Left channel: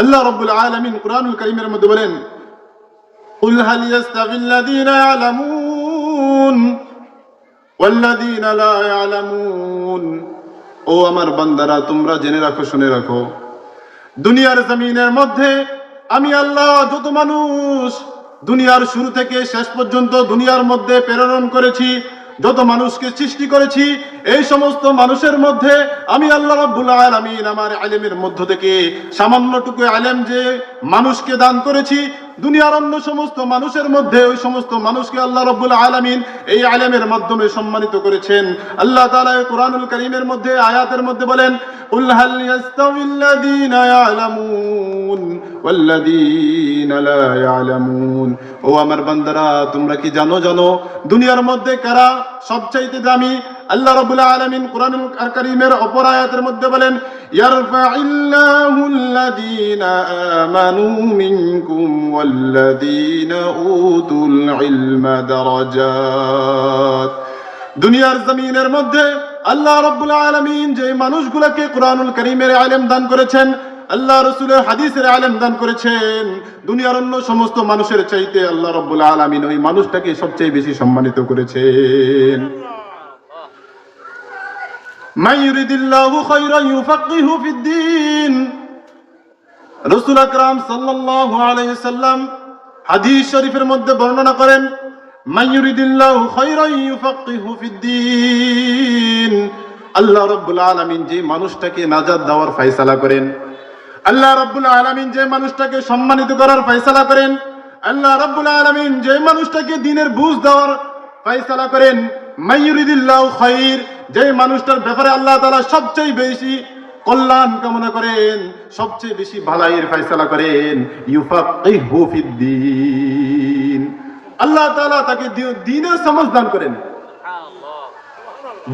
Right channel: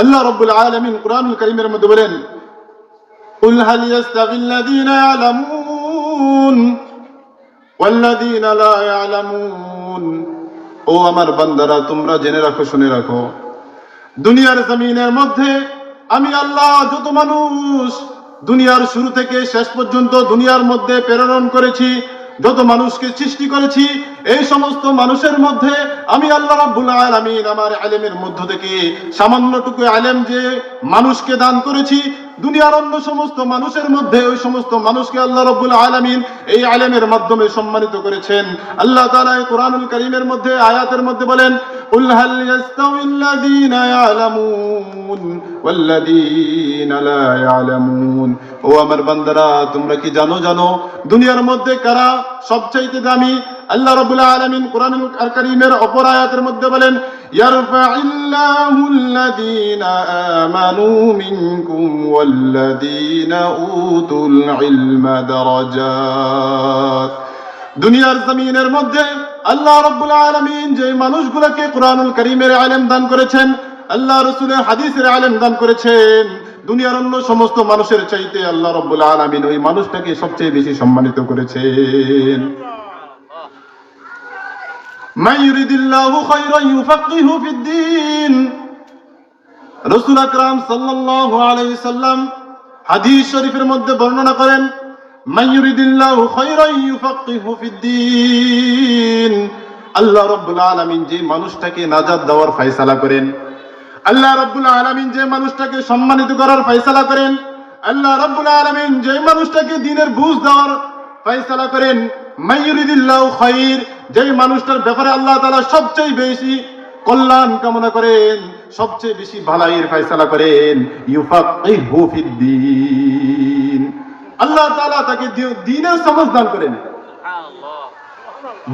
আল্লাহ রাব্বুল আলামিন কুরআনুল কারীমের মধ্যে বলেন, কুল হাল ইয়াস্তাবিল্লাযীনা ইয়ালামুন ওয়াল্লাযীনা লা ইয়ালামুন। ও আমার বান্দারা, তোমরা জেনে রাখো, শুনে রাখো, দুনিয়ার জমিনের মধ্যে আমি আল্লাহ যত মানুষ দুনিয়ার শুরু থেকে শেষ পর্যন্ত দুনিয়ার মধ্যে প্রেরণ করেছি, যত মানুষকে সৃষ্টি করেছি, এই সমস্ত মানুষের মধ্যে আমি আল্লাহ রাব্বুল আলামিন আমার ইলমের মধ্য থেকে সামান্যটুকু ইলম যে মানুষকে দান করেছি, দুনিয়ার অন্য সমস্ত মানুষের মধ্যে ওই সমস্ত মানুষকে আল্লাহ রাব্বুল আলামিন এই ইলমের মাধ্যমে সম্মানিত করেছেন। আল্লাহ তাআলা কুরআনুল কারীমের মধ্যে আয়াতের মধ্যে বলেন, কুল হাল ইয়াস্তাবিল্লাযীনা ইয়ালামুন ওয়াল্লাযীনা লা ইয়ালামুন। ও আমার বান্দারা, তোমরা কি জানো দুনিয়ার মধ্যে কারা সবচাইতে দামি? আল্লাহ রাব্বুল আলামিন কুরআনুল কারীমের অপর আয়াতের মধ্যে বলেন, ইয়ারফা'িল্লাহুল্লাযীনা আমানু মিনকুম ওয়াল্লাযীনা উতুল ইলমা দারাজাত। দুনিয়ার জমিনের মধ্যে আল্লাহ রাব্বুল আলামিন যে মানুষগুলোকে কুরআনুল কারীমের ইলম দান করেছেন, আল্লাহ রাসূলের হাদিসের ইলম দান করেছেন, দুনিয়ার অন্য সমস্ত মানুষের চাইতে আল্লাহ রাব্বুল আলামিন ওই মানুষটাকে সবচেয়ে বেশি সম্মানিত করেছেন। মান ইউরিদিল্লাহু খায়রান ইউফাক্কিহু ফিদ্দীন। রাসূল আকরাম সাল্লাল্লাহু আলাইহি সাল্লাম হাদিস শরীফের মধ্যে বর্ণনা করেন, মান ইউরিদিল্লাহু খায়রান ইউফাক্কিহু ফিদ্দীন। আল্লাহ রাব্বুল আলামিন যে মানুষটাকে নাজাত দেওয়ার ফয়সালা করেন, আল্লাহ রাব্বুল আলামিন যে মানুষটাকে সম্মানিত করার ফয়সালা করেন, আল্লাহ রাব্বুল আলামিন যে মানুষটাকে দ্বীনের বুঝ দেওয়ার ফয়সালা করেন, মান ইউরিদিল্লাহু খায়র, যে মানুষটার ব্যাপারে আল্লাহ তাআলা সবচেয়ে বেশি কল্যাণ কামনা করেন, সবচেয়ে বেশি ভালাইয়ের ফয়সালা করেন, ইউফাক্কিহু ফিদ্দীন। আল্লাহ তাআলা তাকে দ্বীনের সমাজ দান করেন।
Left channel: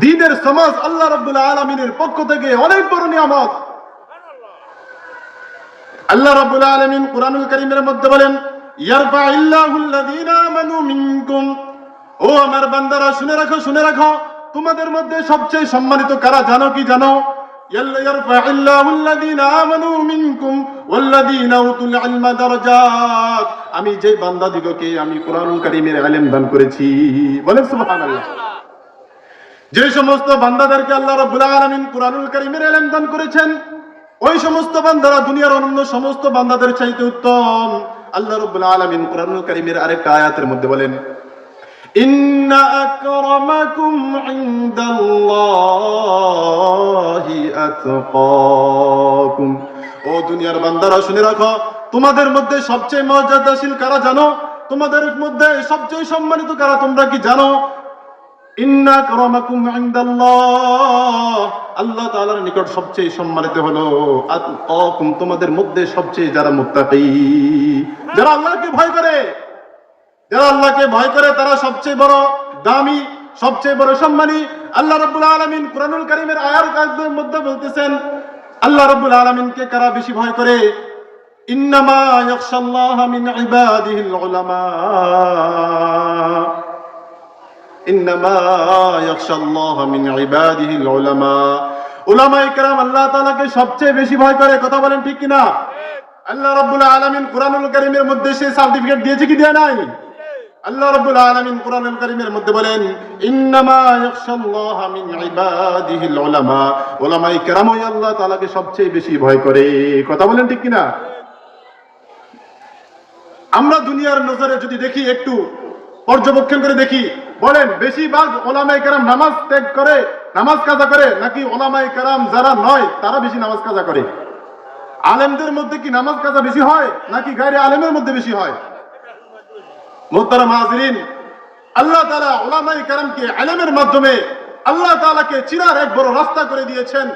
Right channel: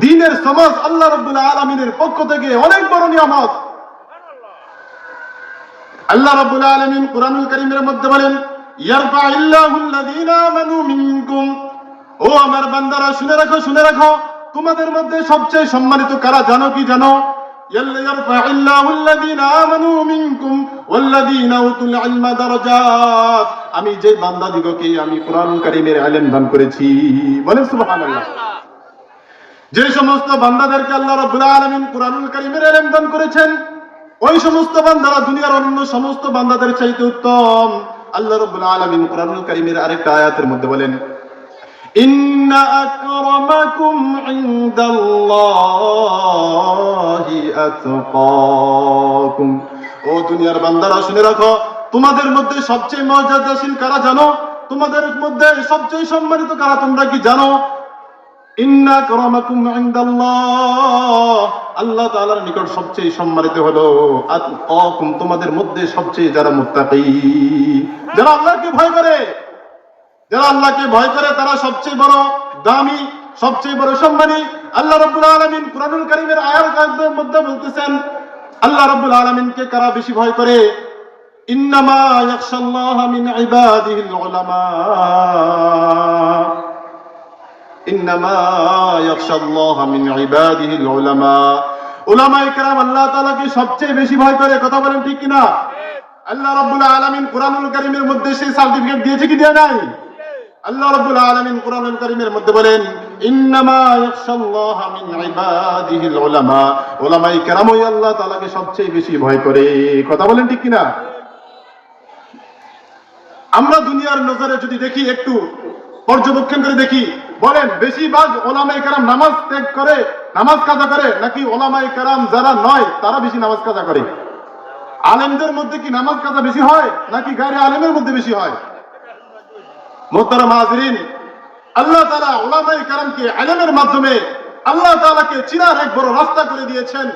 দ্বীনের সমাজ আল্লাহ রাব্বুল আলামিনের পক্ষ থেকে অনেক বড় নিয়ামত। আল্লাহ রাব্বুল আলামিন কুরআনুল কারীমের মধ্যে বলেন, ইয়ারফা'িল্লাহুল্লাযীনা আমানু মিনকুম। ও আমার বান্দারা, শুনে রাখো, তোমাদের মধ্যে সবচেয়ে সম্মানিত কারা জানো কি? জানো, ইয়ারফা'িল্লাহুল্লাযীনা আমানু মিনকুম ওয়াল্লাযীনা উতুল ইলমা দারাজাত। আমি যে বান্দাদিগকে আমি কুরআনুল কারীমের ইলম দান করেছি, বলেন সুবহানাল্লাহ। যে সমস্ত বান্দাদেরকে আল্লাহ রাব্বুল আলামিন কুরআনুল কারীমের ইলম দান করেছেন, ওই সমস্ত বান্দারা দুনিয়ার অন্য সমস্ত বান্দাদের চাইতে উত্তম। আল্লাহ রাব্বুল আলামিন কুরআনুল কারীমের আরেকটা আয়াতের মধ্যে বলেন, ইন্না আকরামাকুম ইনদাল্লাহি আতকাকুম। ও দুনিয়ার বান্দারা, শুনে রাখো, তোমাদের মধ্যে সবচেয়ে মর্যাদাশীল কারা জানো? তোমাদের মধ্যে সবচেয়ে সম্মানিত কারা তোমরা কি জানো? ইন্না আকরামাকুম ইনদাল্লাহ, আল্লাহ তাআলার নিকট সবচেয়ে সম্মানিত হলো আতকাকুম, তোমাদের মধ্যে সবচেয়ে যারা মুত্তাকী, যারা আল্লাহকে ভয় করে, তারা সবচেয়ে বড় দামি, সবচেয়ে বড় সম্মানী। আল্লাহ রাব্বুল আলামিন কুরআনুল কারীমের আয়াতের মধ্যে বলতেছেন, আল্লাহ রাব্বুল আলামিনকে কারা বেশি ভয় করে? ইন্নামা ইয়াখশাল্লাহা মিন ইবাদিহিল উলামা, ইন্নামা ইয়াখশাল্লাহা মিন ইবাদিহিল উলামা। উলামায়ে কেরাম আল্লাহ তাআলাকে সবচেয়ে বেশি ভয় করে। কথা বলেন ঠিক কিনা? আল্লাহ রাব্বুল আলামিন কুরআনুল কারীমের মধ্যে সেই সার্টিফিকেট দিয়েছে কি দেয় নাই? আল্লাহ রাব্বুল আলামিন কুরআনুল কারীমের মধ্যে বলেন, ইন্নামা ইয়াখশাল্লাহা মিন ইবাদিহিল উলামা। উলামায়ে কেরাম ওই আল্লাহ তাআলাকে সবচেয়ে বেশি ভয় করে। কথা বলেন ঠিক কিনা? আমরা দুনিয়ার নজরে যদি দেখি, একটু পর্যবেক্ষণ করে দেখি, বলেন বেশিরভাগ উলামায়ে কেরাম নামাজ ত্যাগ করে, নামাজ কাজা করে, নাকি উলামায়ে কেরাম যারা নয় তারা বেশি নামাজ কাজা করে? আলেমদের মধ্যে কি নামাজ কাজা বেশি হয়, নাকি গায়রে আলেমের মধ্যে বেশি হয়? মুহতারাম হাজিরিন, আল্লাহ তাআলা উলামায়ে কেরামকে ইলমের মাধ্যমে আল্লাহ তাআলাকে চিনার এক বড় রাস্তা করে দিয়েছেন।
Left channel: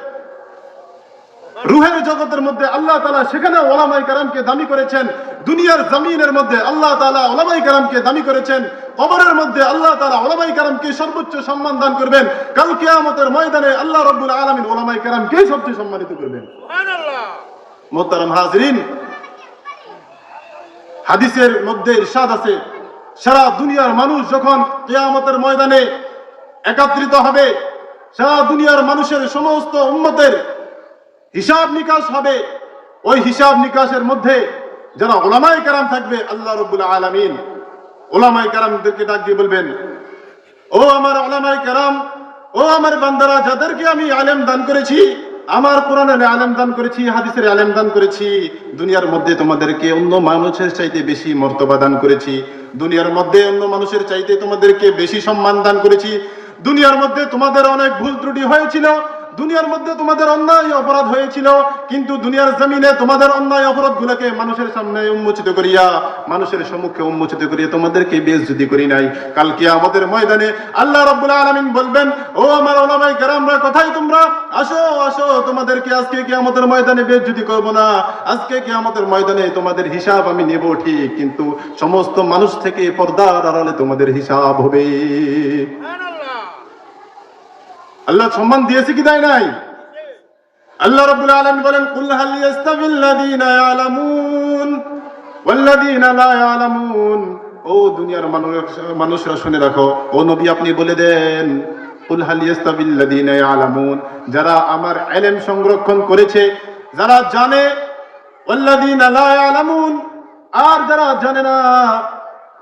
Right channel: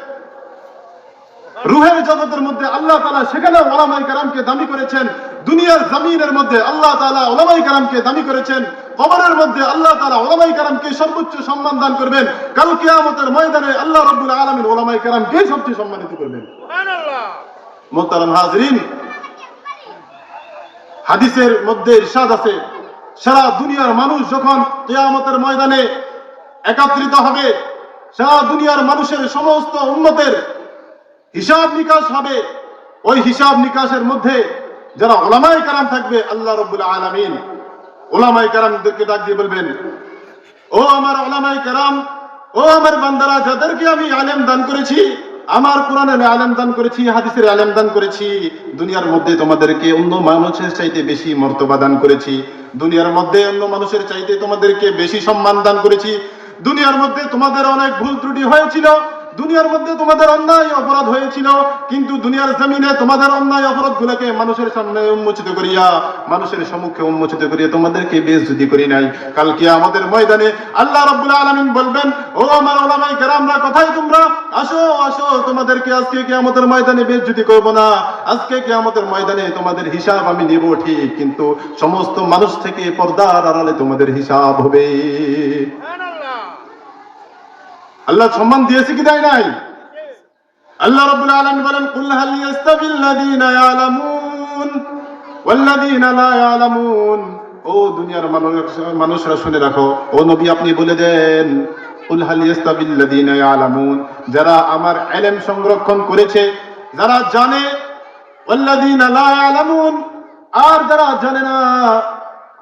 রূহের জগতের মধ্যে আল্লাহ তাআলা সেখানে উলামায়ে কেরামকে দামি করেছেন। দুনিয়ার জমিনের মধ্যে আল্লাহ তাআলা উলামায়ে কেরামকে দামি করেছেন। কবরের মধ্যে আল্লাহ তাআলা উলামায়ে কেরামকে সর্বোচ্চ সম্মান দান করবেন। কাল কিয়ামতের ময়দানে আল্লাহ রাব্বুল আলামিন উলামায়ে কেরামকে সবচেয়ে সম্মানিত করবেন। সুবহানাল্লাহ। মুহতারাম হাজিরিন, হাদিসের মধ্যে ইরশাদ আছে, সারা দুনিয়ার মানুষ যখন কিয়ামতের ময়দানে একত্রিত হবে, সারা দুনিয়ার মানুষের সমস্ত উম্মতের হিসাব নিকাশ হবে, ওই হিসাব নিকাশের মধ্যে যারা উলামায়ে কেরাম থাকবে, আল্লাহ রাব্বুল আলামিন উলামায়ে কেরামদেরকে ডাক দিয়ে বলবেন, ও আমার উলামায়ে কেরাম, ও আমার বান্দারা, যাদেরকে আমি ইলম দান করেছি, আমার কোরআনের ইলম দান করেছি, হাদিসের ইলম দান করেছি, দুনিয়ার মধ্যে তোমাদেরকে অন্য মানুষের চাইতে বেশি মর্তবা দান করেছি, দুনিয়ার মধ্যে অন্য মানুষের চাইতে তোমাদেরকে বেশি সম্মান দান করেছি, দুনিয়ার মধ্যে তোমাদের অনেক ভুল ত্রুটি হয়েছিল, দুনিয়ার মধ্যে তোমাদের অন্যায় অপরাধ হয়েছিল, কিন্তু দুনিয়ার জমিনে তোমাদের অন্যায় অপরাধগুলোকে মানুষের সামনে উন্মোচিত করিয়া, মানুষের সম্মুখে উন্মোচিত করিয়া তোমাদেরকে বেইজ্জতি করি নাই। কাল কিয়ামতের ময়দানে আল্লাহ রাব্বুল আলামিন বলবেন, ও আমার উলামায়ে কেরামরা, কোথায় তোমরা? আসো আসো, তোমাদেরকে আজকে কিয়ামতের ময়দানে বেইজ্জতি করব না, আজকে কিয়ামতের ময়দানে তোমাদের হিসাব আমি নেব ঠিক, কিন্তু সমস্ত মানুষ থেকে পর্দার আড়ালে তোমাদের হিসাব হবে। আল্লাহ সম্মান দিয়েছে কি দেয় নাই? আল্লাহ রাব্বুল আলামিন বলেন, কুল হাল ইয়াস্তাবিল্লাযীনা ইয়ালামুন ওয়াল্লাযীনা লা ইয়ালামুন। ও দুনিয়ার মানুষরা শুনে রাখো, ও নবী আপনি বলে দেন, কুল হাল ইয়াস্তাবিল্লাযীনা ইয়ালামুন, যারা আমার ইলম সংরক্ষণ করেছে, যারা জানে, ওয়াল্লাযীনা লা ইয়ালামুন, আর যারা জানে না,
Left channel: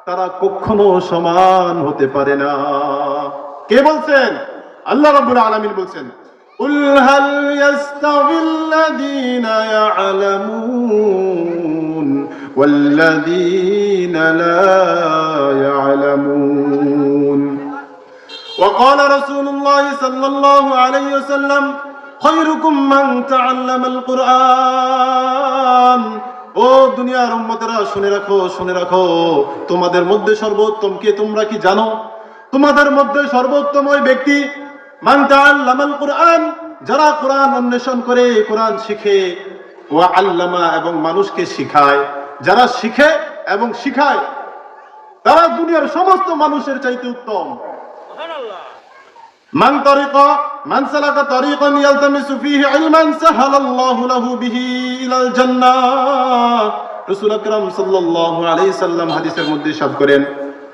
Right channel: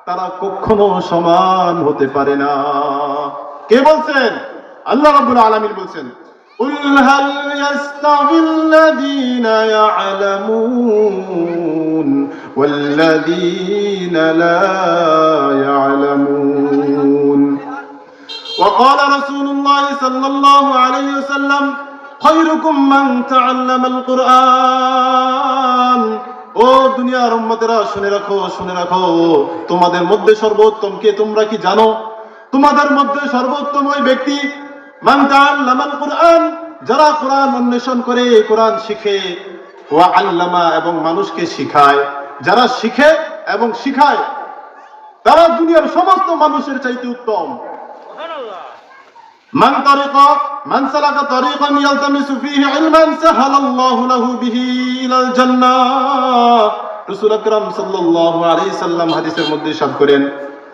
তারা কখনো সমান হতে পারে না। কে বলছেন? আল্লাহ রাব্বুল আলামিন বলছেন, কুল হাল ইয়াস্তাবিল্লাযীনা ইয়ালামুন ওয়াল্লাযীনা লা ইয়ালামুন। وقال رسول الله صلى الله عليه وسلم خيركم من تعلم القرآن। ও দুনিয়ার উম্মতেরা শুনে রাখো, শুনে রাখো, তোমাদের মধ্যে সর্বোত্তম কে তোমরা কি জানো? তোমাদের মধ্যে সর্বোত্তম ওই ব্যক্তি, মান তাআল্লামাল কুরআন, যারা কোরআন অন্বেষণ করে, কোরআন শিখে, ওয়া আল্লামা, এবং মানুষকে শিখায়। যারা শিখে এবং শিখায়, তারা দুনিয়ার সমস্ত মানুষের চাইতে উত্তম। মান সালাকা তারিকান ইয়ালতামিসু ফীহি ইলমান সাহালাল্লাহু লাহু বিহি ইলাল জান্নাহ। রাসূল আকরাম সাল্লাল্লাহু আলাইহি সাল্লাম হাদিসের মধ্যে ইরশাদ করেন,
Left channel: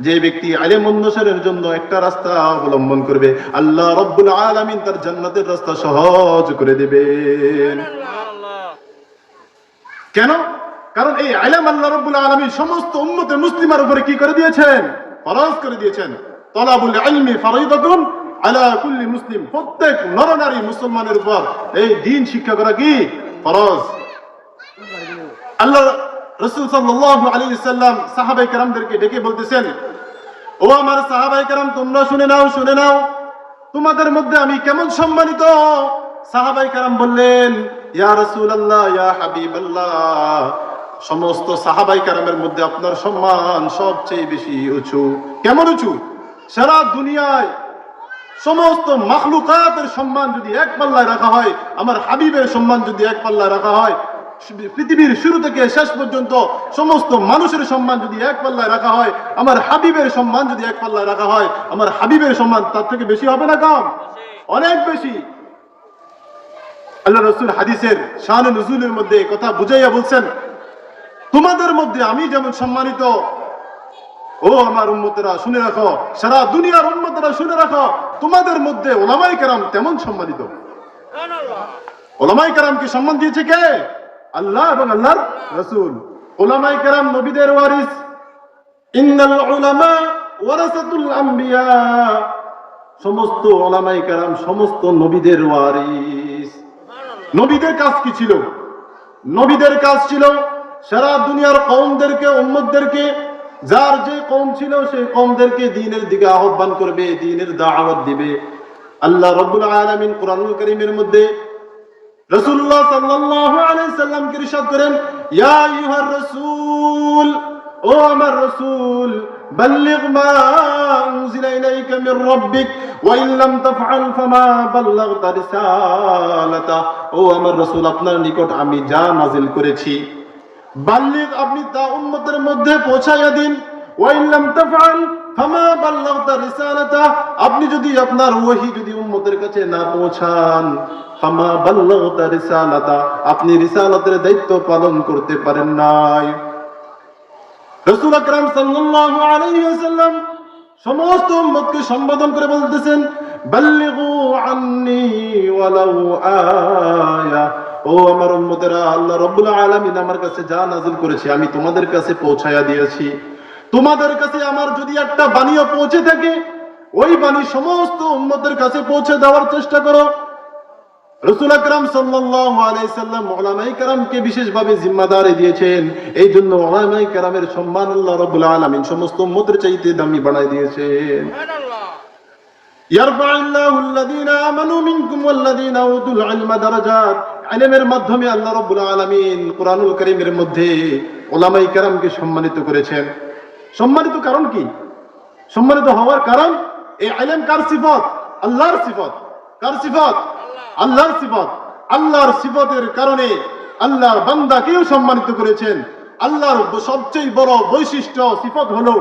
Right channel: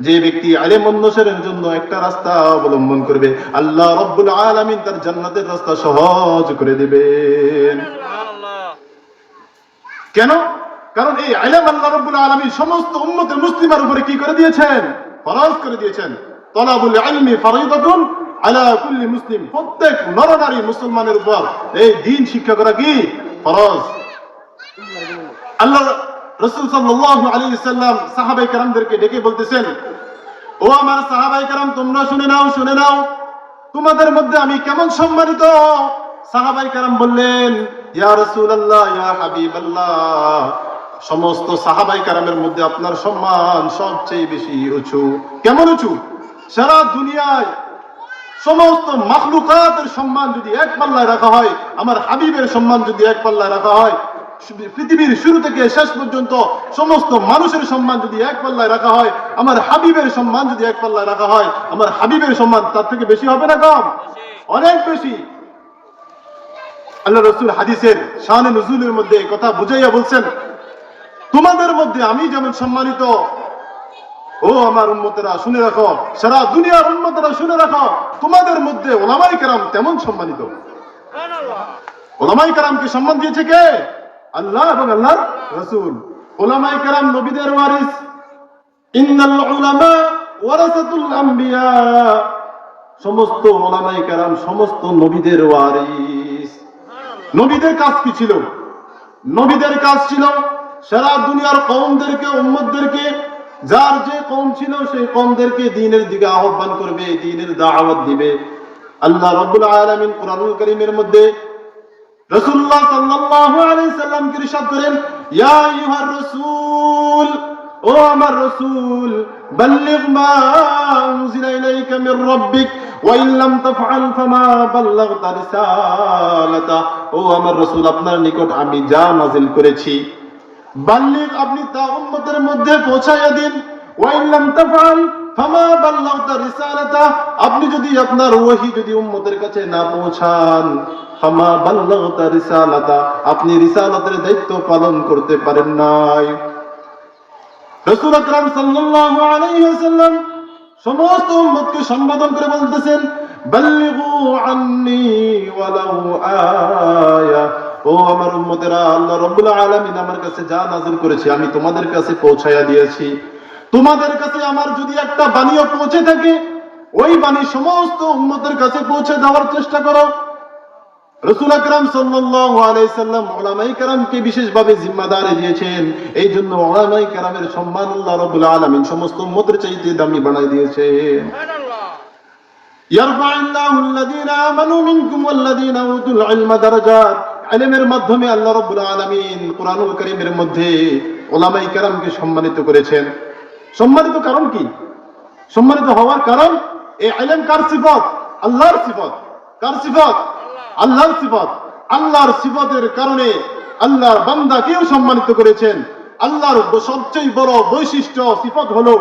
যে ব্যক্তি ইলম অন্বেষণের জন্য একটা রাস্তা অবলম্বন করবে, আল্লাহ রাব্বুল আলামিন তার জান্নাতের রাস্তা সহজ করে দিবেন। কেন? কারণ এই ইলম আল্লাহ রাব্বুল আলামিন সমস্ত উম্মতে মুসলিমের উপরে কি করে দিয়েছেন? ফরজ করে দিয়েছেন। তালাবুল ইলমি ফরিদাতুন আলা কুল্লি মুসলিম, প্রত্যেক নরনারী মুসলমানের উপর এই দ্বীন শিক্ষা করা কি ফরজ। আল্লাহ রাসূল সাল্লাল্লাহু আলাইহি ওয়াসাল্লাম সাহাবায়ে কেরামদেরকে ডেকে বলতেছেন, ও আমার সাহাবায়ে কেরাম, তোমরা শুনে নাও, শুনে নাও, তোমাদের মধ্যে আমি কেমন সম্মানিত। সাহাবায়ে কেরাম বললেন, ইয়া রাসূলুল্লাহ, ইয়া হাবিবাল্লাহ, সমস্ত সাহাবায়ে কেরামের মধ্যে আপনার সম্মান সবচেয়ে বেশি উঁচু। কেমন উঁচু? সারা দুনিয়ায় সমস্ত মাখলুকাতের সম্মান যদি এক পাল্লায় রাখা হয়, আমার হাবিবের সম্মান যদি এক পাল্লায় রাখা হয়, পৃথিবীর শুরু থেকে শেষ পর্যন্ত সমস্ত মানুষের সম্মান যদি এক পাল্লায় রাখা হয়, আমার হাবিবের সম্মান যদি এক পাল্লায় রাখা হয়, আমার হাবিবের সম্মান তার থেকে বেশি হবে না কম? অনেক বেশি। আল্লাহ রাসূল হাদিসের শানে নুজুলের মধ্যে কথা বুঝাইয়া বলছেন, তোমাদের মধ্যে আমি যেমন সম্মানিত, ও আমার উম্মতেরা শুনে রাখো, সারা দুনিয়ার উম্মতেরা শুনে রাখো, তোমাদের মধ্যে উলামায়ে কেরাম তেমন সম্মানিত। উলামায়ে কেরামকে সম্মান দিয়েছে কে? আল্লাহ এবং আল্লাহর রাসূল। উলামায়ে কেরাম নবীদের ওয়ারিস। ইন্নাল উলামা ওয়ারাসাতুল আম্বিয়া, সমস্ত উলামায়ে কেরাম সমস্ত নবীদের ওয়ারিস। নবীদের কাজ কি ছিল? নবীদের কাজ ছিল সারা দুনিয়ার কওমদেরকে, উম্মতদেরকে, যার যে কওম ছিল সেই কওমদেরকে দ্বীনের দিকে আহ্বান করবে, দ্বীনের দাওয়াত দিবে। আল্লাহ রাব্বুল আলামিন কোরআনুল কারীমের মধ্যে রাসূলুল্লাহ সাল্লাল্লাহু আলাইহি সাল্লামকে ইরশাদ করেন, ইয়া আইয়ুহার রাসূল, ও আমার রাসূল, বাল্লিগ মা উনজিলা ইলাইকা মির রাব্বিক ওয়া ইন লাম তাফআল ফামা বাল্লাগতা রিসালাতা। ও আমার রাসূল, আপনার নিকট আমি যা নাযিল করেছি, বাল্লিগ, আপনি তা উম্মতের মধ্যে পৌঁছাইয়া দিন। ওয়া ইন লাম তাফআল ফামা বাল্লাগতা রিসালাতা, আপনি যদি আপনার ওহী যদি উম্মতের কাছে না পৌঁছান, ফামা বাল্লাগতা রিসালাতা, আপনি রিসালাতের দায়িত্ব পালন করতে পারেন নাই। রাসূল আকরাম সাল্লাল্লাহু আলাইহি ওয়াসাল্লাম সমস্ত উম্মতকে সম্বোধন করে বলতেছেন, বাল্লিগু আন্নী ওয়ালাউ আয়া, ও আমার উম্মতেরা, আল্লাহ রাব্বুল আলামিন আমার কাছে যা নাযিল করেছে আমি তোমাদের কাছে পৌঁছায়া দিয়েছি। তোমাদের কাছে আমার যদি একটা বাণীও পৌঁছে থাকে, ওই বাণী সমস্ত উম্মতের কাছে পৌঁছে দেওয়ার চেষ্টা করো। রাসূল আকরাম সাল্লাল্লাহু আলাইহি সাল্লাম উলামায়ে কেরামকে বিশেষভাবে জিম্মাদারি দিয়েছেন। এই জন্য উলামায়ে কেরামের সম্মান আল্লাহ রাব্বুল আলামিন সমস্ত উম্মতের চাইতে দামি বানায় দিয়েছেন। সুবহানাল্লাহ। ইয়ারফা'ুল্লাহু আল্লাযীনা আমানু মিনকুম ওয়াল্লাযীনা উতুল ইলমা দারাজাত। ইলমের মাধ্যমে আল্লাহ রাব্বুল আলামিন কুরআনুল কারীমের মধ্যে উলামায়ে কেরামকে সম্মানিত করেছেন। সম্মানিত কারণ কি? সম্মানিত হওয়ার কারণ এই ইলম কার সিফাত? আল্লাহর সিফাত। কার সিফাত? আল্লাহর সিফাত। আল্লাহর সিফাতের কারণে আল্লাহর বান্দাকেও সম্মানিত করেছেন। আল্লাহর সবচেয়ে বড় বৈশিষ্ট্য সিফাত হলো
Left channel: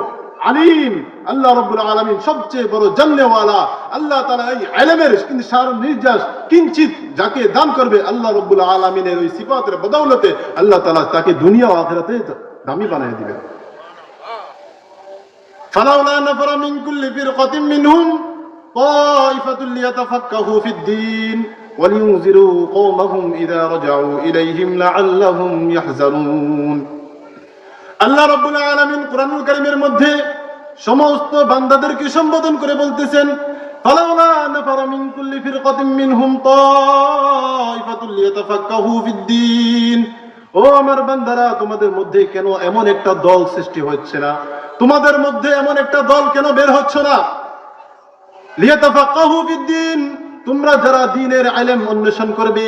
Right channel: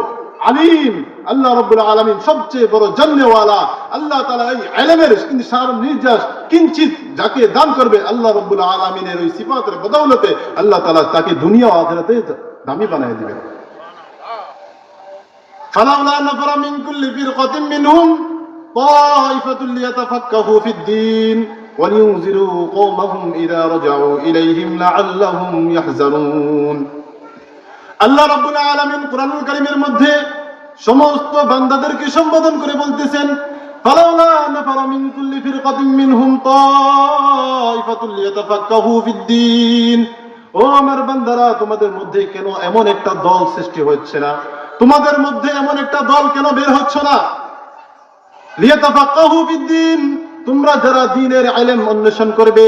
আলিম। আল্লাহ রাব্বুল আলামিন সবচেয়ে বড় জান্নেওয়ালা। আল্লাহ তাআলা এই ইলমের কিন্তু সার নির্যাস কিঞ্চিত যাকে দান করবে আল্লাহ রাব্বুল আলামিনের ওই সিফাতের বদৌলতে আল্লাহ তাআলা তাকে দুনিয়া ও আখিরাতে দামি বানায় দিবেন। ফালাউলা নাফারা মিন কুল্লি ফিরকাতিন মিনহুম তাইফাতুন লিয়াতাফাক্কাহু ফিদ-দীন ওয়া লিয়ুনযিরু কওমাহুম ইযা রাজাউ ইলাইহিম লাআল্লাহুম ইয়াহজানুন। আল্লাহ রাব্বুল আলামিন কুরআনুল কারীমের মধ্যে সমস্ত বান্দাদেরকে সম্বোধন করে বলতেছেন, ফালাউলা নাফারা মিন কুল্লি ফিরকাতিন মিনহুম তাইফাতুন লিয়াতাফাক্কাহু ফিদ-দীন। ও আমার বান্দারা, তোমাদের মধ্যে কেন এমন একটা দল সৃষ্টি হচ্ছে না? তোমাদের মধ্যে এমন একটা দল কেন বের হচ্ছে না? লিয়াতাফাক্কাহু ফিদ-দীন, তোমরা যারা দ্বীনের ইলম অন্বেষণ করবে,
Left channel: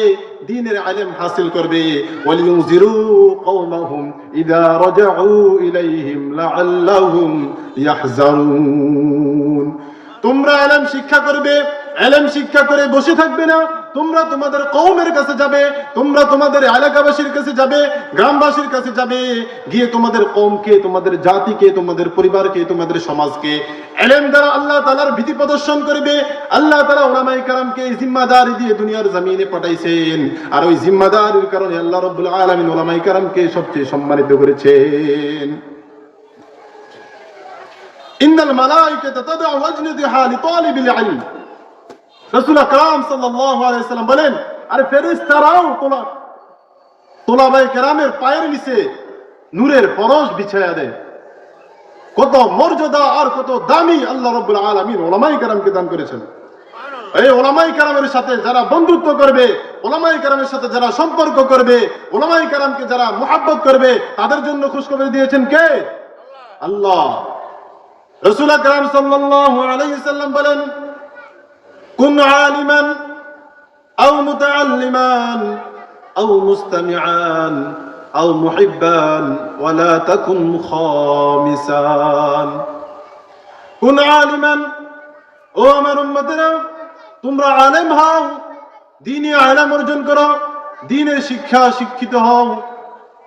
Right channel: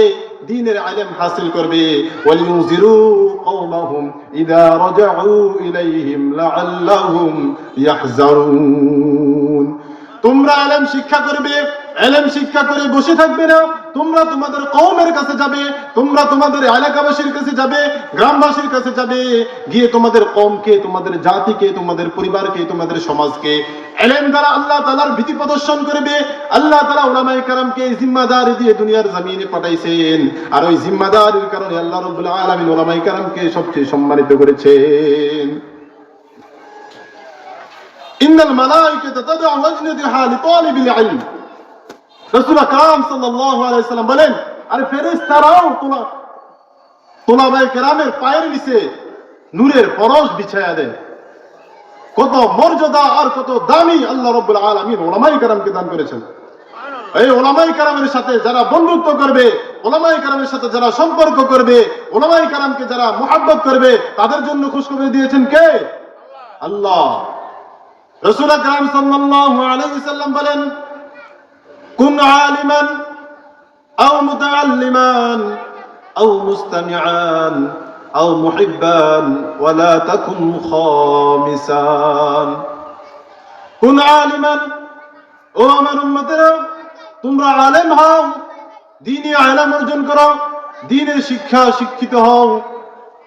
দ্বীনের ইলম হাসিল করবে। ওয়া লিয়ুনযিরু কওমাহুম ইযা রাজাউ ইলাইহিম লাআল্লাহুম ইয়াহজারুন। তোমরা ইলম শিক্ষা করবে, ইলম শিক্ষা করে বসে থাকবে না। তোমরা তোমাদের কওমের কাছে যাবে, তোমরা তোমাদের এলাকাবাসীর কাছে যাবে, গ্রামবাসীর কাছে যাবে, গিয়ে তোমাদের কওমকে, তোমাদের জাতিকে, তোমাদের পরিবারকে, তোমাদের সমাজকে ইলম দ্বারা আল্লাহ তাআলার ভীতি প্রদর্শন করবে। আল্লাহ তাআলা উলামায়ে কেরামকে জিম্মাদারি দিয়ে দুনিয়ার জমিনে পাঠাইছেন, আর ওই জিম্মাদারির কারণে আল্লাহ রাব্বুল আলামিন উলামায়ে কেরামকে সবচেয়ে সম্মানিত করেছেন। ইন্নাল মালায়েকাতা তাদউ ওয়াজনাতাহা লিতালিবিল ইলম। রাসূল আকরাম সাল্লাল্লাহু আলাইহি সাল্লাম বলেন, আরে ফেরেশতারাও তোলাবায়ে কেরামের পায়ের নিচে নূরের পরশ বিছায়া দেয়। কত মর্যাদা আর কত দামি আল্লাহ রাব্বুল আলামিন উলামায়ে কেরামকে দান করেছেন। এই উলামায়ে কেরামের সাথে যারা বন্ধুত্ব করবে, উলামায়ে কেরামের সাথে যারা সম্পর্ক করবে, উলামায়ে কেরামকে যারা মুহাব্বত করবে, তাদের জন্য খুশখবর দিয়েছেন কে? আল্লাহ। রাসূল আকরাম সাল্লাল্লাহু আলাইহি সাল্লাম বলেন, কুন আলিমান আও মুতাআল্লিমান আও মুস্তামিআন আও মুহিব্বান ওয়া লা তাকুন খামিসান। কুন আলিমান, ও আমার উম্মতেরা, তোমরা আলেম হও, দ্বীনি ইলম অর্জন করো, দ্বীনের শিক্ষিত হও,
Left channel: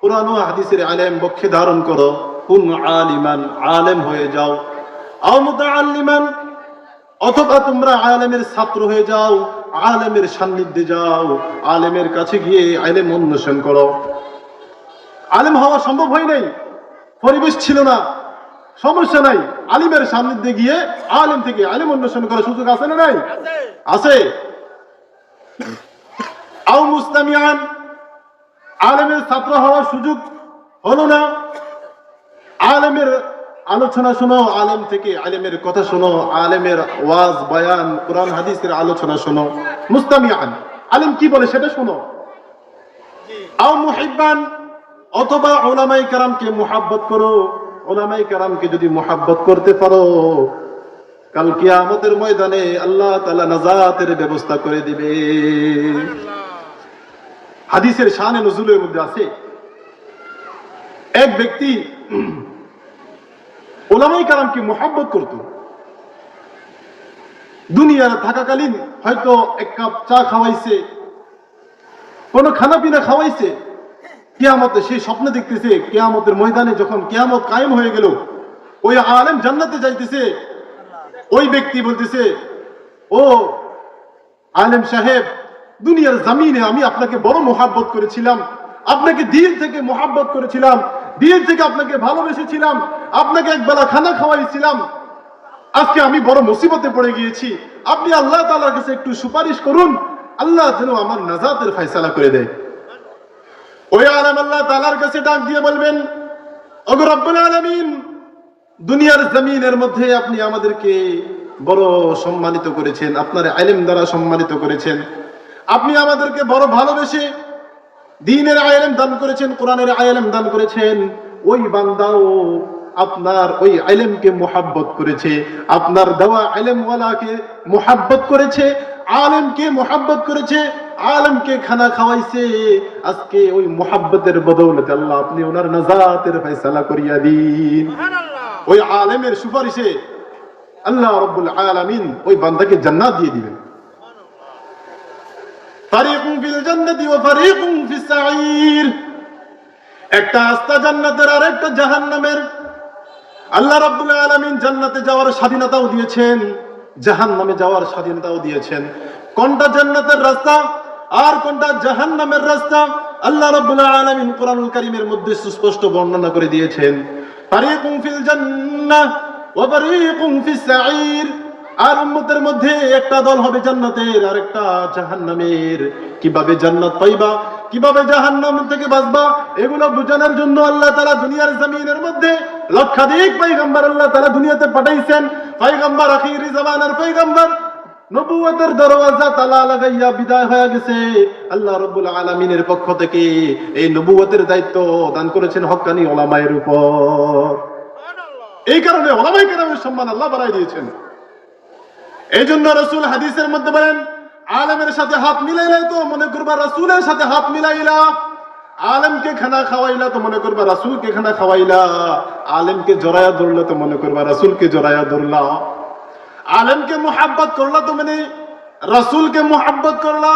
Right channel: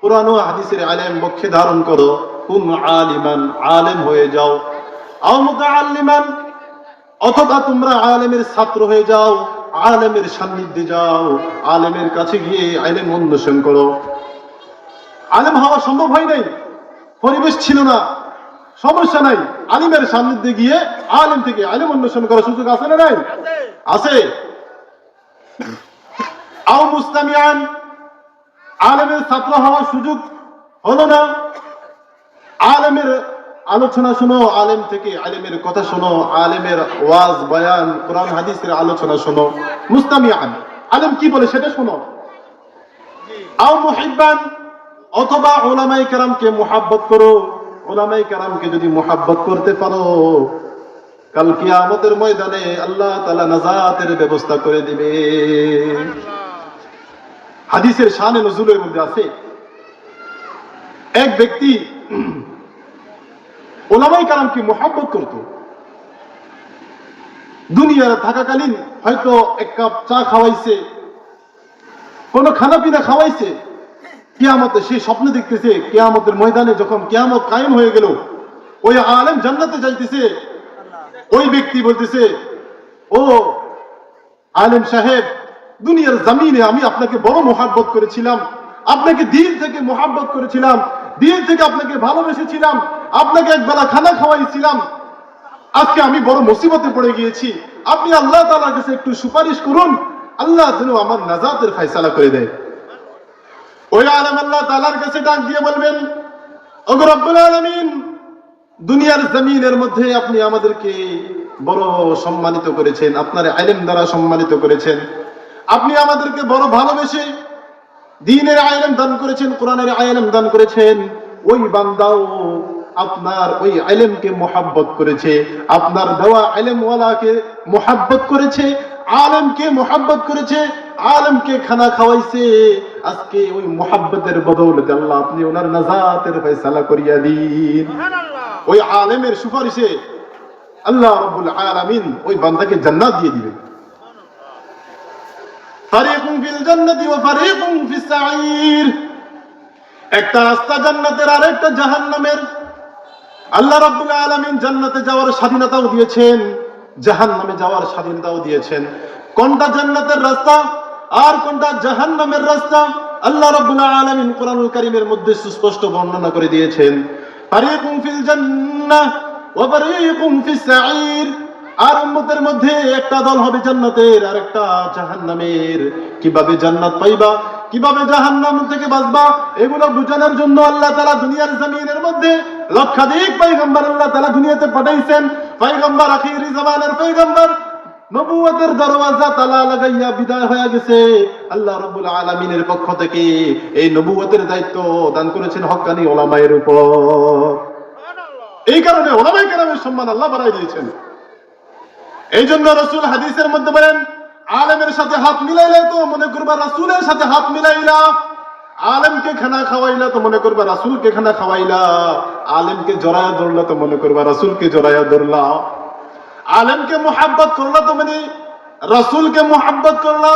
কুরআন ও হাদিসের ইলম বক্ষে ধারণ করো। কুন আলিমান, আলেম হয়ে যাও। আও মুতাআল্লিমান, অথবা তোমরা আলেমের ছাত্র হয়ে যাও, আলেমের সান্নিধ্যে যাও, আলেমের কাছে গিয়ে ইলম অন্বেষণ করো। আলেম হওয়া সম্ভব হয় নাই, পরিবেশ ছিল না, সমস্যা নাই, আলেমের সান্নিধ্যে গিয়ে আলেম থেকে ইলম অন্বেষণ করার সুযোগ আছে না নাই? আছে। আও মুস্তামিআন, আলেমের ছাত্র হওয়ার সুযোগ হলো না, আলেমের আলোচনা শোনো, আলেম থেকে আলেমের কথা শোনো, আলেমের ওয়াজ বয়ান কোরআন হাদিসের আলোচনা শোনো। মুস্তামিআন, আলেম কি বলে সেটা শোনো। আও মুহিব্বান, অথবা উলামায়ে কেরামকে মুহাব্বত করো। উলামায়ে কেরামকে যদি মুহাব্বত করতে পারো, কাল কিয়ামতের ময়দানে আল্লাহ তাআলা নাজাতের ব্যবস্থা করে দিবে। হাদিসের শানে নজুলের মধ্যে আছে, এক ব্যক্তি উলামায়ে কেরামকে মুহাব্বত করত। দুনিয়ার থাকাকালীন হয়তো এক কাপ চা খাওয়াইছে, কোন খানা পিনা খাওয়াইছে। কিয়ামতে সে স্বপ্ন দেখতেছে, কিয়ামতের ময়দানে যখন কিয়ামত কায়েম হয়ে গেল, ওই আলেম জান্নাতে যাইতেছে। ওই ব্যক্তি বলতেছে, ও আলেম সাহেব, দুনিয়ার জমিনে আমি আপনাকে বড় মুহাব্বত করেছিলাম, আপনাকে দিল থেকে মুহাব্বত করেছিলাম, দিল থেকে আপনাকে ভালোবেসেছিলাম, আপনাকে একবেলা খানা খাওয়াইছিলাম। আজকে আমি বড় মুসিবতে পড়ে গিয়েছি, আপনি আল্লাহ তাআলার কাছে একটু সুপারিশ করুন, আল্লাহ যেন আমার নাজাতের ফয়সালা করে দেয়। ওই আলেম আল্লাহ তাআলার কাছে ডাক দিয়ে বলবেন, ওগো রব্বুল আলামিন, দুনিয়ার জমিনের মধ্যে আপনি আমাদেরকে বড় সম্মানিত করেছেন, আপনার ইলম দ্বারা সম্মানিত করেছেন, আপনি আমাদেরকে বড় ভালোবেসে দ্বীনের ইলম দান করেছেন, কোরআনের ইলম দান করেছেন। ওই বান্দাও আপনার ওই ইলমকে মুহাব্বত করেছে, আপনার দেওয়া ইলম ওয়ালাকে মুহাব্বত করেছে, আলেমকে মুহাব্বত করেছে, আলেমকে খানা খাওয়াইছে। আজকে ওই মুহাব্বতের বদৌলতে আল্লাহ আপনি ওনার নাজাতের ফয়সালা করিয়া দিন। ওই আলেমের সুপারিশে আল্লাহ রাব্বুল আলামিন ওই বান্দাকে জান্নাত দিয়ে দিবেন। ফারিকুন ফিল জান্নাতি ওয়া ফারিকুন ফিস সাঈর। একটা রাস্তা জান্নাতের আর একটা জাহান্নামের। আল্লাহ রাব্বুল আলামিন জান্নাতে যাওয়ার স্বাধীনতাও দিয়েছেন, জাহান্নামে যাওয়ার স্বাধীনতাও দিয়েছেন। কোনটা জান্নাতের রাস্তা আর কোনটা জাহান্নামের রাস্তা আল্লাহ রাব্বুল আলামিন কোরআনুল কারীমের মধ্যে সুস্পষ্ট বর্ণনা করে দিয়েছেন। ফারিকুন ফিল জান্নাহ ওয়া ফারিকুন ফিস সাঈর। আর উম্মতের মধ্যে একটা দল হবে জান্নাতের আর একটা জাহান্নামের। কিভাবে জান্নাত পাইবা, কিভাবে জাহান্নাম থেকে বাঁচবা, এগুলো বোঝানোর জন্য আল্লাহ তাআলা দুনিয়ার জমিনের মধ্যে লক্ষাধিক পয়গম্বর আল্লাহ তাআলা দুনিয়াতে পাঠাইছেন। পয়গম্বর আখিরি জামানার পয়গম্বর নবুয়তের দরওয়াজা তালা লাগাইয়া বিদায় হয়ে গেছে। আল্লাহ রাব্বুল আলামিনের পক্ষ থেকে এই নবুয়তের দায়িত্ব দান করেছেন হক্কানি উলামায়ের উপর। এই কারণে উলামায়ে কেরামের সম্মান আল্লাহ বাড়াই দিয়েছেন। এই জন্য রাসূল হাদিসের মধ্যে বলেন, আলেমের সাথে হাত মিলাইলে তো মনে করবা রাসূলের সাথে হাত মিলাইলা, আলেমকে খানা খাওয়াইলা তো মনে করবা রাসূলকে খানা খাওয়াইলা, আলেমকে জড়ায়া ধরলা তো মনে করবা রাসূলকে জড়ায়া ধরলা, আলেমকে মুহাব্বত করলা তো মানে রাসূলকে মুহাব্বত করলা,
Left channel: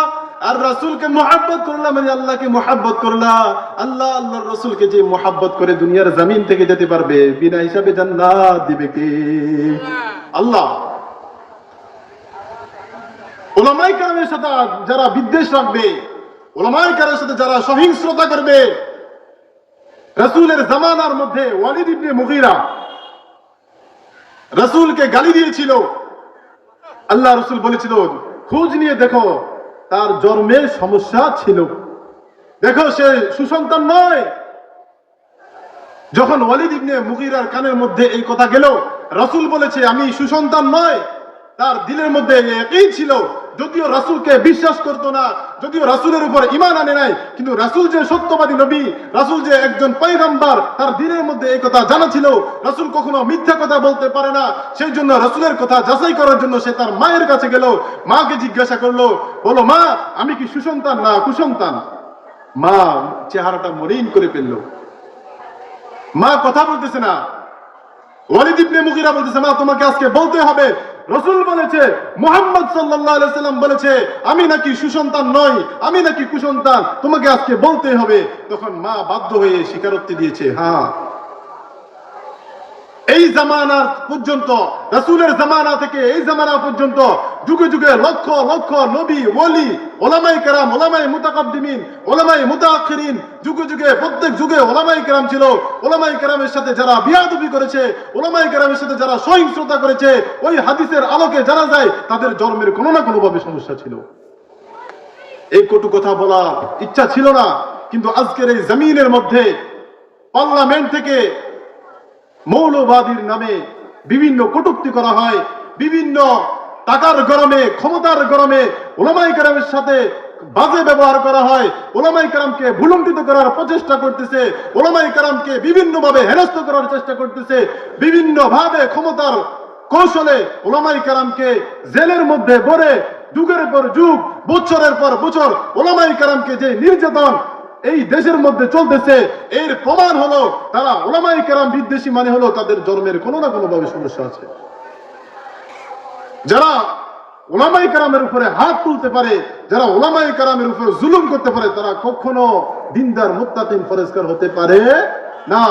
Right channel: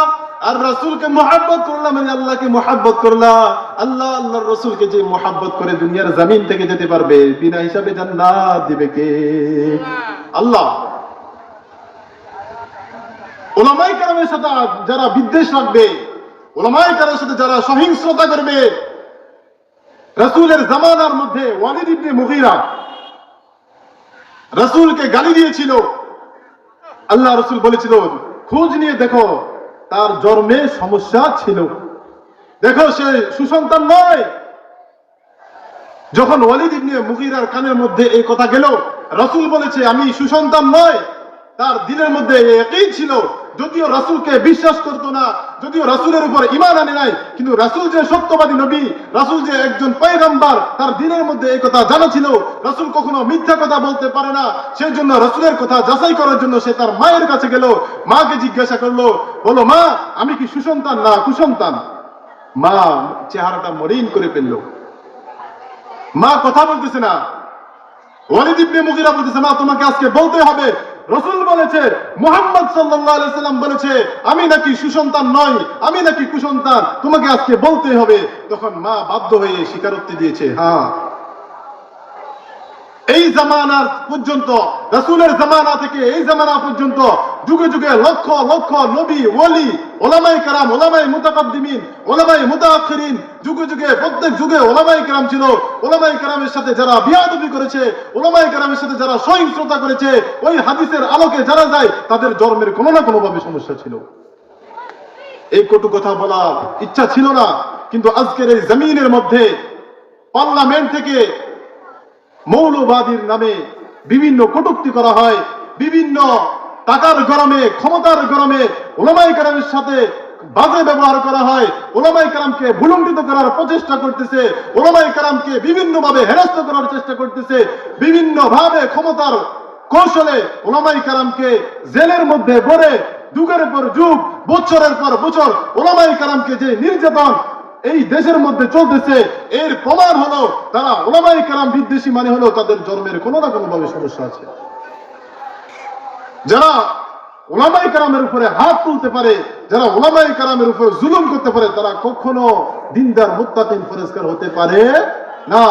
আর রাসূলকে মুহাব্বত করলা মানে আল্লাহকে মুহাব্বত করলা। আল্লাহ আল্লাহর রাসূলকে যে মুহাব্বত করে দুনিয়ার জমিন থেকে যেতে পারবে, বিনা হিসাবে জান্নাত দিবে কে? আল্লাহ। উলামায়ে কেরামের সাথে যারা বিদ্বেষ রাখবে, উলামায়ে কেরামের সাথে যারা সহিংসতা করবে, রাসূলের জামানার মধ্যে ওয়ালিদ ইবনে মুগীরা রাসূলকে গালি দিয়েছিল। আল্লাহ রাসূল বলেছিল, খোঁজ নিয়ে দেখো তার জন্মে সমস্যা ছিল, দেখো সে সুসন্তান নয়। যখন ওয়ালিদ ইবনে মুগীরার কানের মধ্যে এই কথা গেল, রাসূল বলেছে আমি সুসন্তান নয়, তার দিলের মধ্যে একই ছিল। যদিও রাসূলকে বিশ্বাস করতো না, যদিও রাসূলের উপর ঈমান আনে নাই, কিন্তু রাসূল যে সত্যবাদী নবী, রাসূল যে একজন পয়গম্বর, তার দিলের মধ্যে এই কথা জানা ছিল। রাসূল কখনো মিথ্যা কথা বলতে পারে না। সেই জন্য রাসূলের কথা যাচাই করার জন্য সে তার মায়ের কাছে গেল, মাকে জিজ্ঞাসা করলো, বলো মা আমি কি সুসন্তান না কুসন্তান? মা চেহারাটা মলিন করে ফেললো, মা কথা বলতেছে না। ওয়ালিদ ইবনে মুগীরা বলতেছে, মা তোমাকে আজকে বলতে হবে, রাসূল বলেছে, মুহাম্মদ সাল্লাল্লাহু আলাইহি সাল্লাম বলেছে আমি নাকি সুসন্তান নই, আমি নাকি কুসন্তান, তোমাকে আজকে বলতেই হবে। তখন মা বাধ্য হয়ে স্বীকারোক্তি দিয়েছে, হ্যাঁ। এই জামানা পর্যন্ত, রাসূলের জামানা থেকে এই জামানা পর্যন্ত যুগে যুগে লক্ষ লক্ষ নবী, ওলি, উলামায়ে কেরাম, উলামায়ে মুতাকাদ্দিমিন, উলামায়ে মুতাআখিরিন, যুগে যুগে প্রত্যেক যুগে উলামায়ে কেরাম ছিল। উলামায়ে কেরামের সাথে যারা বিয়াদবি করেছে, উলামায়ে কেরামের সাথে যারা সহিংসতা করেছে, ওই হাদিসের আলোকে জানা যায় তাদের জন্মের কোনো না কোনো ভাবে সমস্যা ছিল। এই কটু কথা বলার ইচ্ছা ছিল না, কিন্তু আজকের এই জমিনের মধ্যে পার্লামেন্ট থেকে মৌলবাদীর নামে বিভিন্ন কটূক্তি করা হয়, বিভিন্ন টাকার গরমে, ক্ষমতার গরমে উলামায়ে কেরামের সাথে বাজে ব্যবহার করা হয়, উলামায়ে কেরামকে ভুলুণ্ঠিত করার প্রচেষ্টা করতেছে, উলামায়ে কেরামকে বিভিন্ন ভাবে হেনস্থ করার চেষ্টা করতেছে, বিভিন্ন ভাবে ক্ষমতার কৌশলে উলামায়ে কেরামকে জেলের মধ্যে ভরে যুগের পর যুগ, বছরের পর বছর উলামায়ে কেরামকে যে নির্যাতন এই দেশের মধ্যে চলতেছে, এর প্রমাণ হলো তারা উলামায়ে কেরাম বিদ্বেষী, মানে হলো তাদের জন্মের কোনো না কোনো ভাবে সমস্যা আছে। যারা উলামায়ে কেরামের উপরে হাত তুলতে পারে, যারা উলামায়ে কেরামের উপরে জুলুম করতে পারে, তারা কখনো দিনদার মুত্তাকিন পরেজগার হতে পারে না।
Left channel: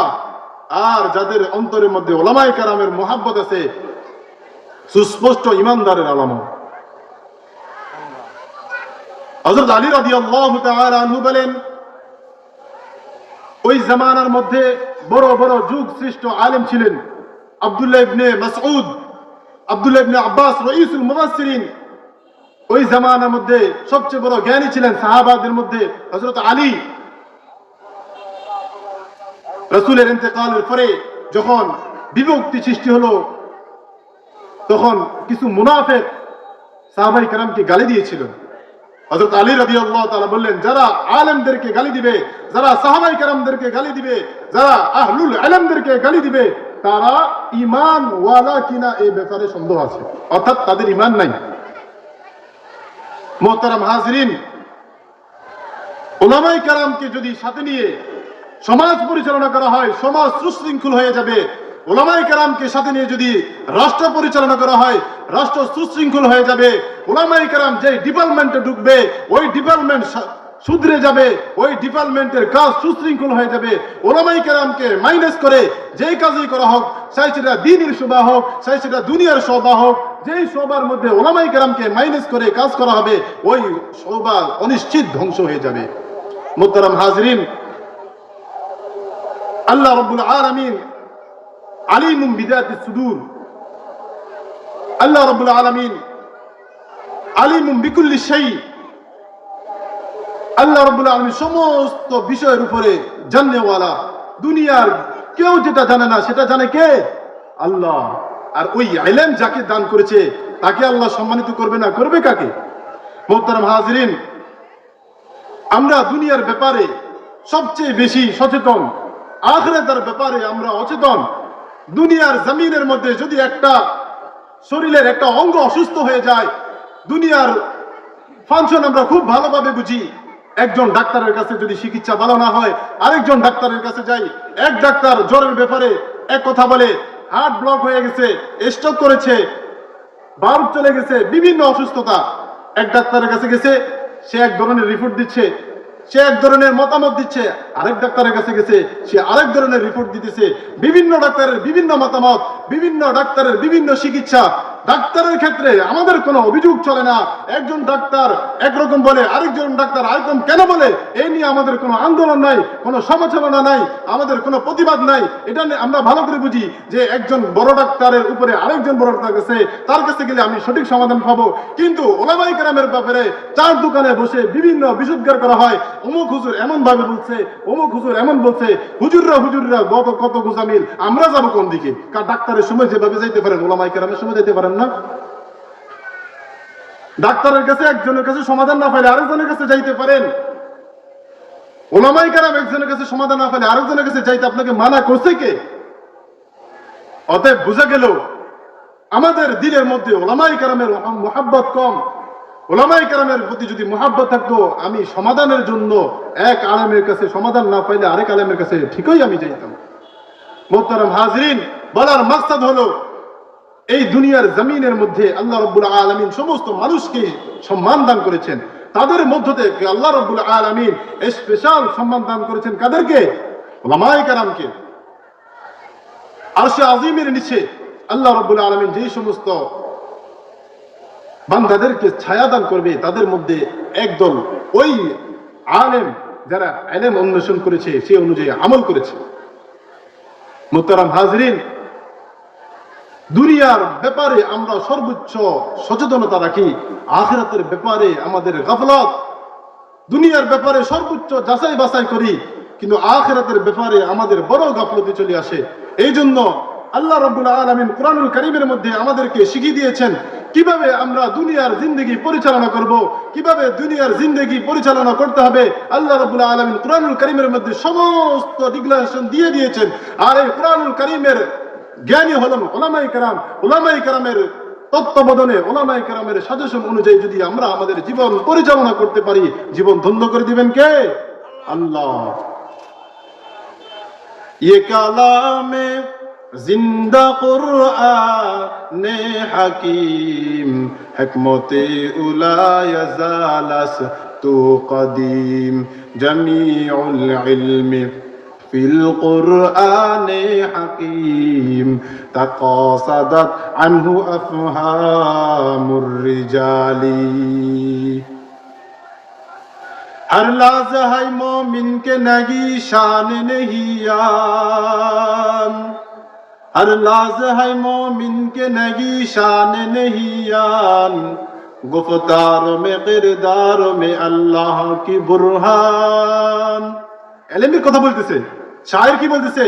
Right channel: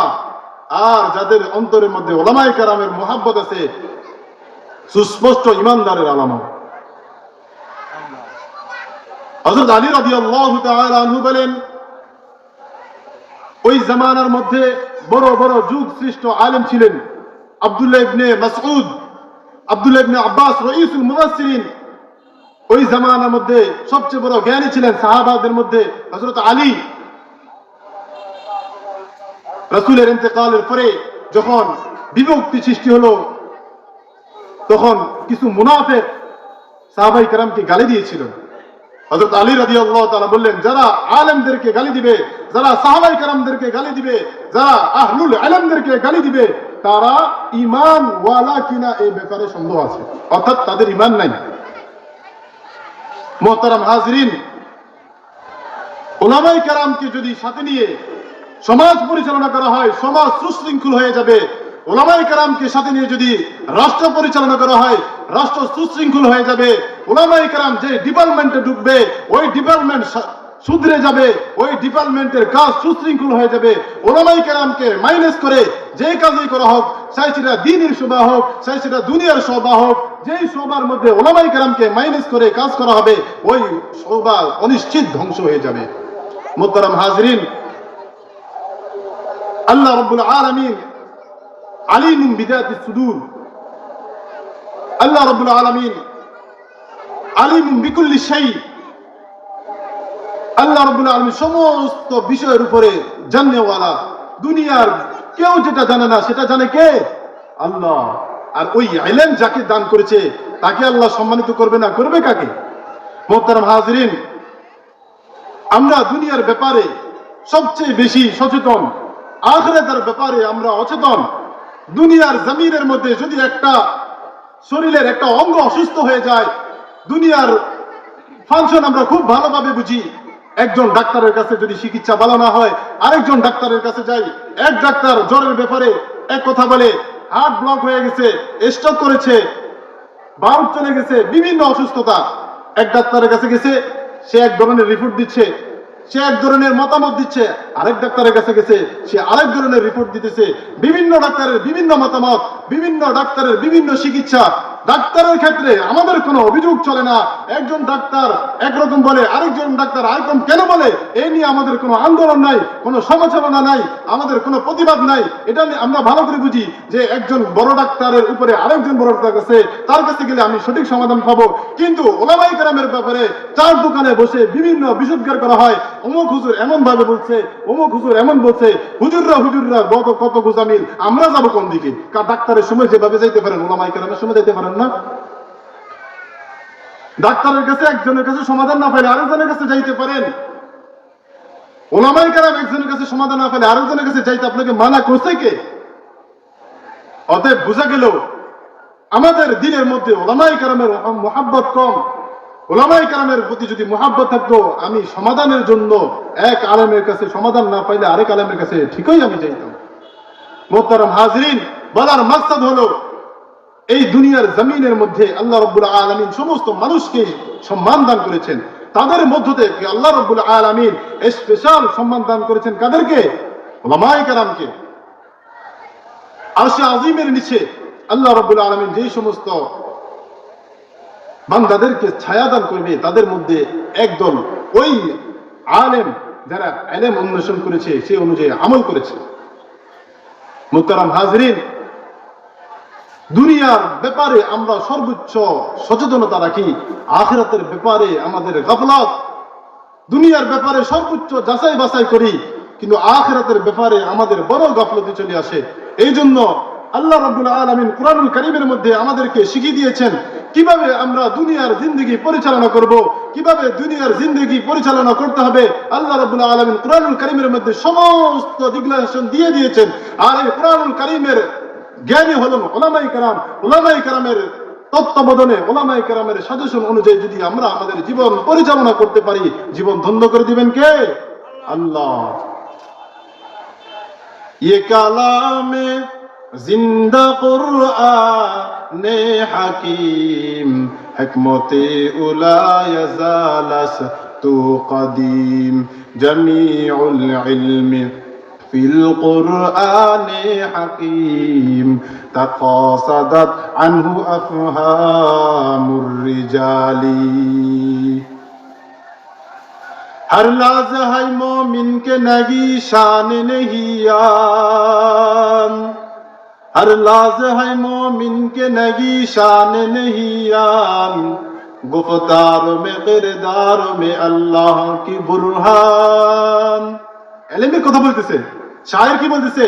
আর যাদের অন্তরের মধ্যে উলামায়ে কেরামের মুহাব্বত আছে, সুস্পষ্ট ইমানদারের আলামত। হযরত আলী রাদিয়াল্লাহু তাআলা আনহু বলেন, ওই জামানার মধ্যে বড় বড় যুগ শ্রেষ্ঠ আলেম ছিলেন আব্দুল্লাহ ইবনে মাসউদ, আব্দুল্লাহ ইবনে আব্বাস, রাইসুল মুফাসসিরিন। ওই জামানার মধ্যে সবচেয়ে বড় জ্ঞানী ছিলেন সাহাবাদের মধ্যে হযরত আলী রাসূলের ইন্তেকালের পরে যখন বিভক্তি সৃষ্টি হলো, তখন কিছু মুনাফিক সাহাবায়ে কেরামকে গালি দিয়েছিল। হযরত আলী রাদিয়াল্লাহু তাআলা বললেন, যারা আলেমদেরকে গালি দিবে, যারা সাহাবায়ে কেরামদেরকে গালি দিবে, যারা আহলুল ইলমদেরকে গালি দিবে, তারা ঈমান ওয়ালা কিনা এই ব্যাপারে সন্দেহ আছে, অর্থাৎ তাদের ঈমান নাই। মুহতারাম হাজিরিন, উলামায়ে কেরামকে যদি সাথে নিয়ে সমাজ পরিচালনা করা হয়, সমাজ সুশৃঙ্খল হয়ে যাবে। উলামায়ে কেরামকে সাথে নিয়ে যদি রাষ্ট্র পরিচালনা করা হয়, রাষ্ট্র সুশৃঙ্খল হয়ে যাবে। উলামায়ে কেরাম যে ডিপার্টমেন্টে ঢুকবে, ওই ডিপার্টমেন্ট সুধরে যাবে, ওই ডিপার্টমেন্টের কাজ সুশৃঙ্খল হয়ে যাবে। উলামায়ে কেরামকে মাইনাস করে যে কাজই করা হোক, চাই সেটা দ্বীনের শোভা হোক, চাই সেটা দুনিয়ার শোভা হোক, যেই শোভার মধ্যে উলামায়ে কেরামকে মাইনাস করে কাজ করা হবে, ওই শোভা অনিশ্চিত ধ্বংস হয়ে যাবে। মুহতারাম হাজিরিন, আল্লাহ রাব্বুল আলামিন আলিমুন বিযাতিস সুদূর, আল্লাহ রাব্বুল আলামিন আলিমুন বিকুল্লি শাই। আল্লাহ রাব্বুল আলামিন সমস্ত বিষয়ের উপরে জানেওয়ালা। দুনিয়ার কেউ যেটা জানে না সেটা জানে কে? আল্লাহ। আর ওই ইলম যাকে দান করেছে তাকে আল্লাহ সম্মানিত করবে না, করবে কাকে? মুহতারাম হাজিরিন, আমরা দুনিয়ার ব্যাপারে সবচেয়ে বেশি সচেতন, আখিরাতের ব্যাপারে আমরা অচেতন। দুনিয়ার জমিনের মধ্যে যদি একটা শরীরের একটা অঙ্গ অসুস্থ হয়ে যায়, দুনিয়ার ফাংশন আমরা খুব ভালোভাবে বুঝি। একজন ডাক্তারের কাছে যদি চিকিৎসা ভালো না হয়, আরেকজন ডাক্তারের কাছে যাই। এক ডাক্তার জ্বরের ব্যাপারে এক কথা বলে, হার্ট ব্লক হয়ে গেছে, স্ট্রোক করেছে, বাল্ব চলে গেছে, বিভিন্ন অসুস্থতা। এক ডাক্তারের কাছে গেছে, সে এক ধরনের রিপোর্ট দিচ্ছে, সে এক ধরনের মতামত দিচ্ছে। আরেক ডাক্তারের কাছে গেছে, সে আরেক ধরনের রিপোর্ট দিতেছে। বিভিন্ন ডাক্তারের বিভিন্ন মতামত, বিভিন্ন ডাক্তারের বিভিন্ন চিকিৎসা। ডাক্তারের ক্ষেত্রে আমাদের কোনো অভিযোগ চলে না। একজন ডাক্তার একরকম বলে, আরেকজন ডাক্তার আরেকরকম কেন বলে, এই নিয়ে আমাদের কোনো আন্দোলন নাই, কোনো সমালোচনা নাই, আমাদের কোনো প্রতিবাদ নাই। এটা আমরা ভালো করে বুঝি যে একজন বড় ডাক্তারের উপরে আরেকজন বড় ডাক্তার কাছে, তার কাছে গেলে আমি সঠিক সমাধান পাবো। কিন্তু উলামায়ে কেরামের ব্যাপারে চার দোকানে বসে বিভিন্ন বিশুদ্ধার করা হয়। অমুক হুজুর এমন ভাবে বলছে, অমুক হুজুর এমন বলছে, হুজুররা কত গোজামিল, আমরা যাবো কোন দিকে? ডাক্তারের সময় যেভাবে যেতে পারেন, উলামায়ে কেরামের সময় যেতে পারেন না। ডাক্তারের কাছে একজনের কাছে সমাধান না পাইলে আরেকজনের কাছে যাইতে পারেন। উলামায়ে কেরাম একজনের কাছে সমাধান না পাইলে আরেকজনের কাছে যাইতে আপনাকে মানা করছে কে? অতএব বোঝা গেল আমাদের দিনের মধ্যে উলামায়ে কেরামের মুহাব্বত কম। উলামায়ে কেরামের প্রতি যদি মুহাব্বত থাকতো, আমি সমাধানের জন্য এক আলেমের কাছে সমাধান না পাইলে আরেক আলেমের কাছে ঠিকই আমি যাইতাম। মুহতারাম হাজিরিন, বলার মাকসাদ হলো, এই দুনিয়ার জমিনের মধ্যে আল্লাহ রাব্বুল আলামিন সমস্ত মানুষকে সম্মান দান করেছেন। তাদের মধ্য থেকে আল্লাহ রাব্বুল আলামিন স্পেশাল সম্মান দান করেছেন কাদেরকে? উলামায়ে কেরামকে। আরশে আজিমের নিচে আল্লাহ রাব্বুল আলামিন যেই সমস্ত বান্দাদেরকে ছায়া দান করবে, তাদের মধ্যে একদল ওই আলেম যারা ইলম অন্বেষণ করেছে, সে অনুযায়ী আমল করেছে। মুহতারাম হাজিরিন, দুনিয়ার ব্যাপারে আমরা সর্বোচ্চ সচেতনতা রাখি, আখিরাতের ব্যাপারে আমাদের গাফলাত। দুনিয়ার ব্যাপারে সর্বোচ্চ যাচাই বাছাই করি, কিন্তু আখিরাতের ব্যাপারে আমাদের বড় গাফলতি চলে আসে। এই জন্য আল্লাহ রাব্বুল আলামিন কোরআনুল কারীমের মধ্যে আমাদেরকে শিখিয়ে দিয়েছেন কিভাবে আমরা দুনিয়ার জিন্দেগি পরিচালনা করব, কিভাবে দুনিয়ার জিন্দেগি পরিচালনা করতে হবে। আল্লাহ রাব্বুল আলামিন কোরআনুল কারীমের মধ্যে সমস্ত ডিক্লারেশন দিয়ে দিয়েছেন। আর এই কোরআনুল কারীমের জ্ঞানী হলেন উলামায়ে কেরাম। উলামায়ে কেরামের তত্ত্বাবধানে, উলামায়ে কেরামের সাজেশন অনুযায়ী যদি আমরা আমাদের জীবন পরিচালনা করতে পারি, জীবন ধন্য করে দিবেন কে? আল্লাহ। ये কালামে জিন্দা কুরআনে হাকিম, হিকমতে উলা ইয়াজালাস তু কদিম, জামিউল ইলমি ফিল কুরআনে হাকিম, তাকাসাদাত আনহু আফহামুর রিজালি। हर लहज़ा है मोमिन के नगी शान नहियान, हर लहज़ा है मोमिन के नगी शान नहियान, गुफ्तार में किरदार में अल्लाह की बुरहान। এলেমের কথা বলতেছে, শায়ের কি বলতেছে?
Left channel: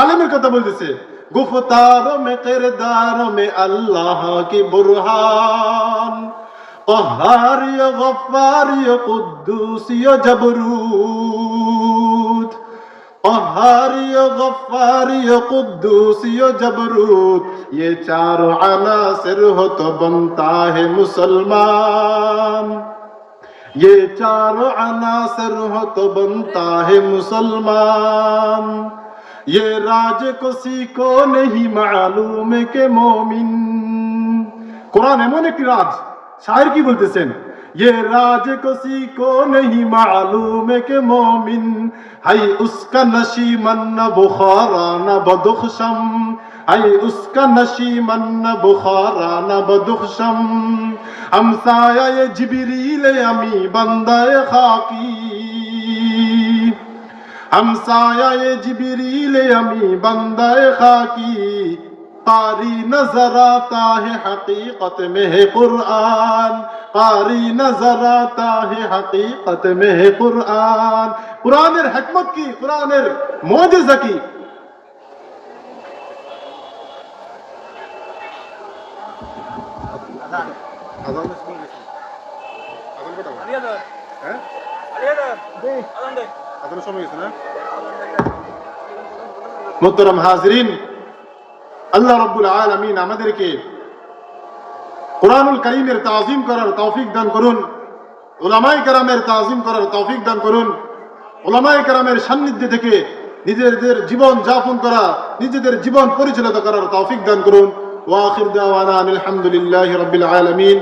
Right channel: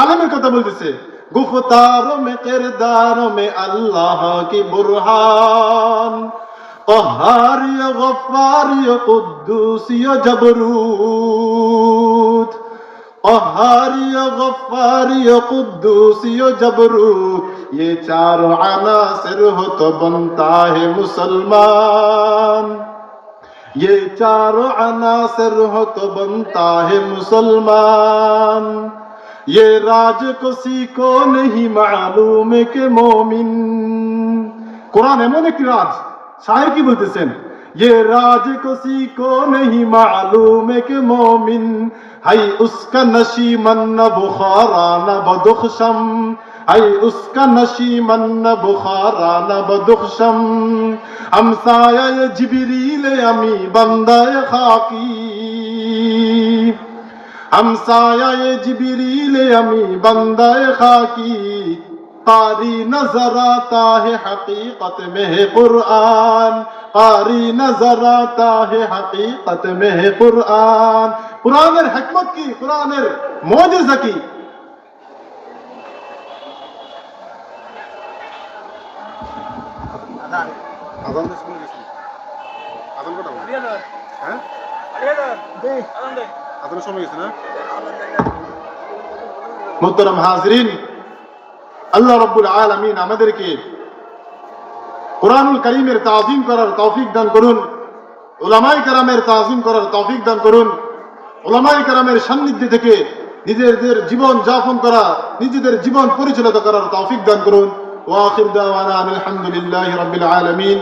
আলমের কথা বলতেছে। গুফতার মে কিরদার মে আল্লাহ কি বুরহান, قهار يا غفار يا قدوس يا جبروت، قهار يا غفار يا قدوس يا جبروت، ये चारों अनासिर हो तो बनता है मुसलमान, ये चारों अनासिर हो तो बनता है मुसलमान, ये राज किसी को नहीं मालूम के मोमिन। कुरान এমন একটি রাজ, शायर की बोलतेছেন, ये राज किसी को नहीं मालूम के मोमिन, है उसका नशीमन न बुखारा न बदुखशम, है उसका नशीमन न बुखारा न बदुखशम, हमसाया ये जिबरील अमी बंदा खाकी, हमसाया ये जिबरील अमी बंदा खाकी, कारी नजर आता है हकीकत में है कुरान, कारी नजर आता है हकीकत में है कुरान। कुरानेर हिकमत की, कुरानेर मोजेजा की। আযান আযানের সময় গেছে, আযান কটা বাজে? হ্যাঁ আযানের সময় গেছে না? মুহতারাম হাজিরিন, আল্লাহ রাব্বুল আলামিন আমাদেরকে কুরআনুল কারীমের তাযীম করার তৌফিক দান করুন, উলামায়ে কেরামের তাযীম করার তৌফিক দান করুন, উলামায়ে কেরামের সান্নিধ্যে থেকে নিজেদের জীবন যাপন করা, নিজেদের জীবন পরিচালিত করার তৌফিক দান করুন। ওয়া আখির দাওয়ানা আলহামদুলিল্লাহি রাব্বিল আলামিন।